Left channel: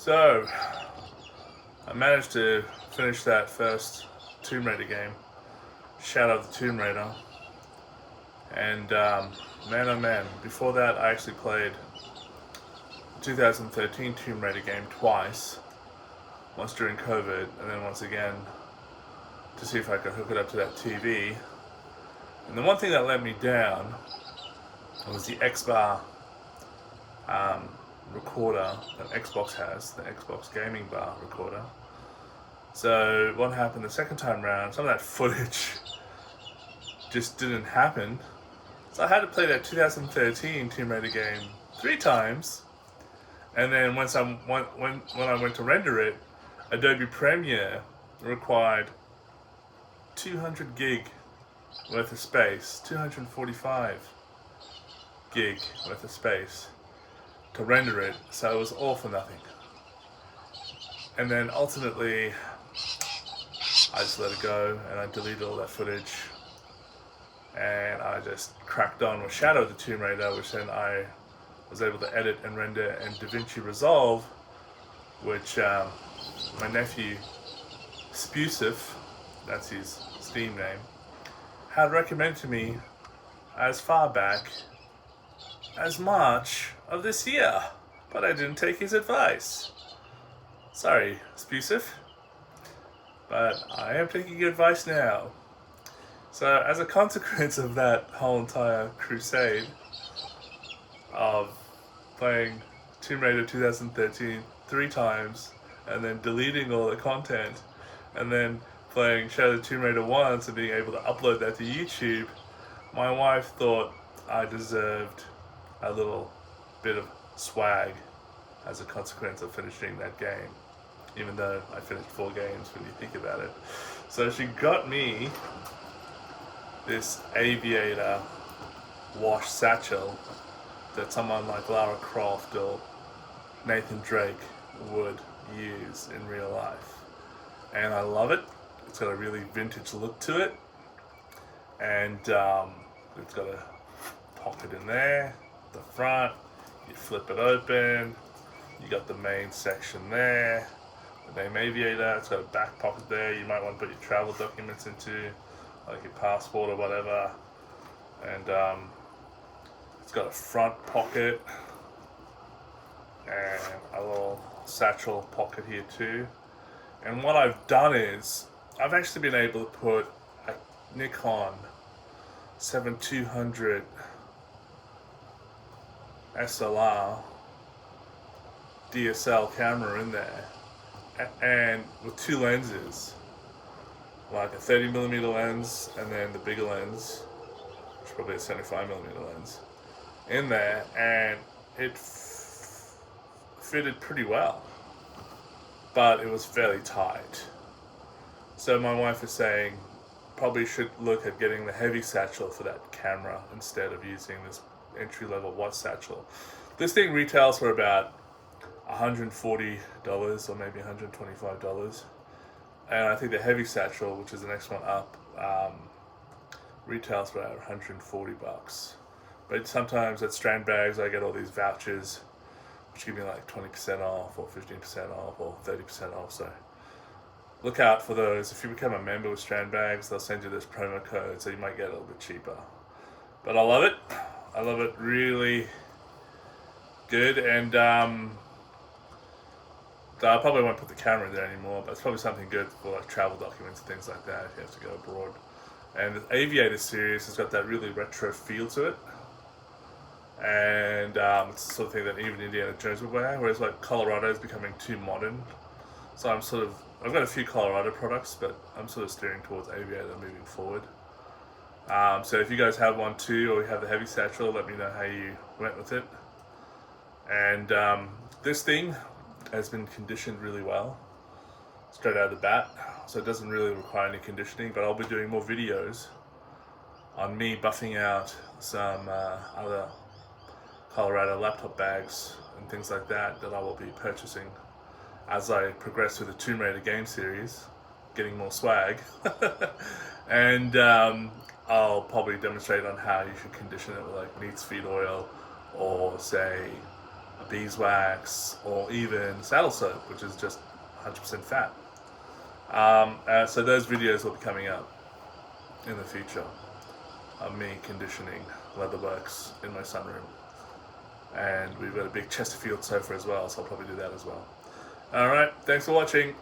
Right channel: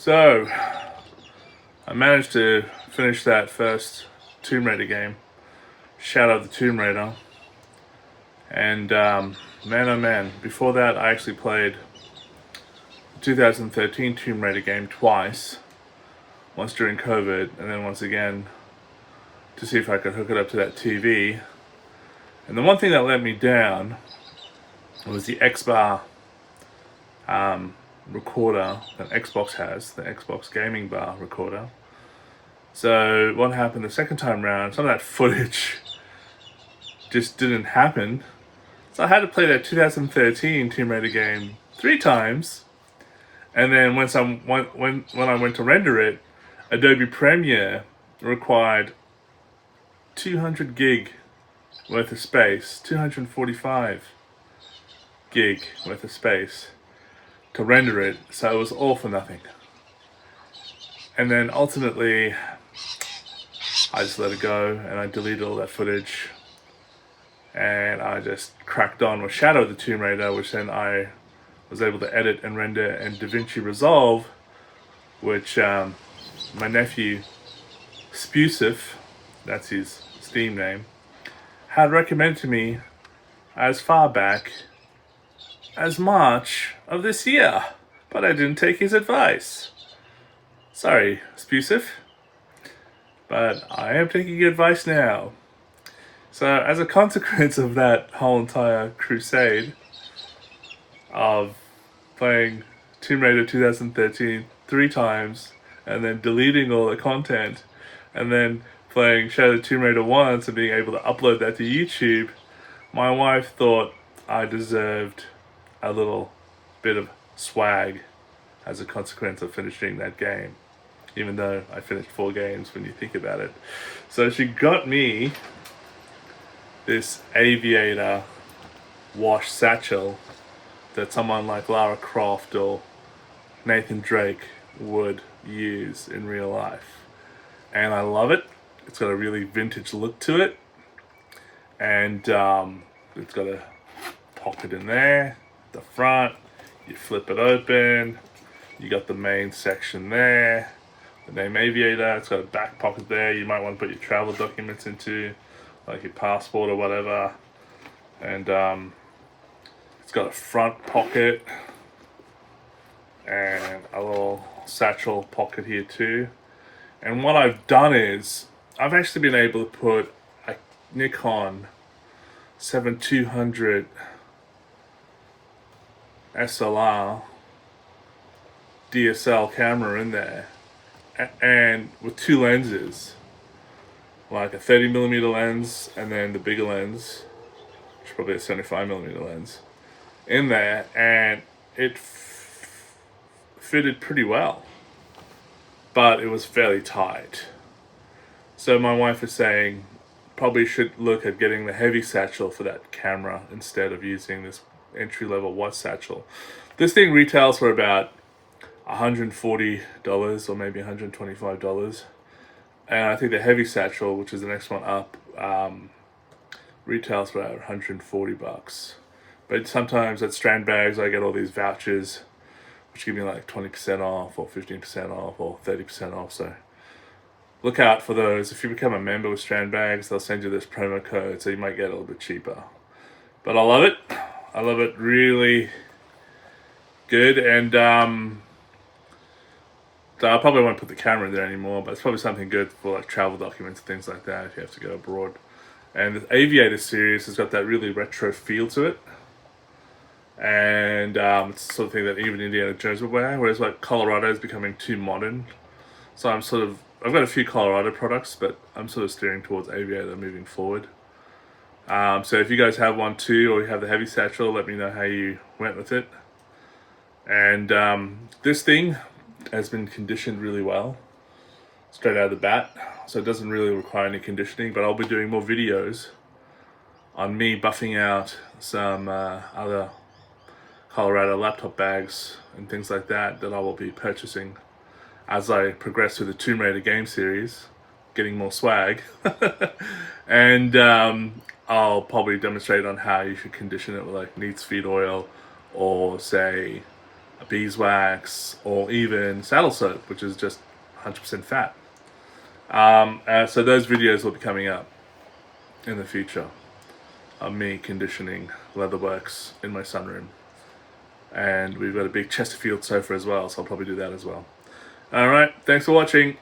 So, I managed to finish that first Tomb Raider game, Shadow of the Tomb Raider, and man oh man, before that I actually played the 2013 Tomb Raider game twice, once during COVID, and then once again to see if I could hook it up to that TV. And the one thing that let me down was the X-Bar recorder that Xbox has, the Xbox Gaming Bar recorder. So what happened the second time round, some of that footage just didn't happen. So I had to play that 2013 Tomb Raider game 3 times. And then when I went to render it, Adobe Premiere required 200 gig worth of space, 245 gig worth of space to render it, so it was all for nothing. And then ultimately, I just let it go and I deleted all that footage, and I just cracked on with Shadow of the Tomb Raider, which then I was able to edit and render in DaVinci Resolve, which my nephew Spusif, that's his Steam name, had recommended to me as far back as March of this year, but I didn't take his advice. Sorry, Spusif, but I am taking your advice now. So as a consequence of that whole entire crusade of playing Tomb Raider 2013 3 times and then deleting all the content and then playing Shadow of the Tomb Raider once and being able to upload that to YouTube, my wife thought I deserved a little bit of swag as a consequence of finishing that game, even though I finished 4 games when you think about it. So she got me this AVIATOR wash satchel that someone like Lara Croft or Nathan Drake would use in real life. And I love it. It's got a really vintage look to it. And it's got a pocket in there, the front. You flip it open. You got the main section there. The name AVIATOR. It's got a back pocket there. You might want to put your travel documents into, like your passport or whatever. And it's got a front pocket and a little satchel pocket here too. And what I've done is I've actually been able to put a Nikon 7200 SLR DSL camera in there, and with 2 lenses, like a 30mm lens and then the bigger lens, which is probably a 75mm lens, in there, and it fitted pretty well, but it was fairly tight. So my wife is saying probably should look at getting the heavy satchel for that camera instead of using this entry-level white satchel. This thing retails for about $140 or maybe $125, and I think the heavy satchel, which is the next one up, retails for about $140. But sometimes at Strand Bags I get all these vouchers which give me like 20% off or 15% off or 30% off, so look out for those. If you become a member with Strand Bags, they'll send you this promo code, so you might get a little bit cheaper. But I love it. I love it, really good. And I probably won't put the camera in there anymore, but it's probably something good for like travel documents and things like that if you have to go abroad. And the AVIATOR series has got that really retro feel to it. And it's the sort of thing that even Indiana Jones would wear, whereas like Colorado is becoming too modern. So I've got a few Colorado products, but I'm sort of steering towards AVIATOR moving forward. So if you guys have one too, or you have the heavy satchel, let me know how you went with it. And this thing has been conditioned really well, straight out of the bat, so it doesn't really require any conditioning, but I'll be doing more videos on me buffing out some other Colorado laptop bags and things like that I will be purchasing as I progress through the Tomb Raider game series, getting more swag. And I'll probably demonstrate on how you should condition it with like neat feed oil, or say beeswax, or even saddle soap, which is just 100% fat. So those videos will be coming up in the future of me conditioning leatherworks in my sunroom. And we've got a big Chesterfield sofa as well, so I'll probably do that as well. Alright, thanks for watching.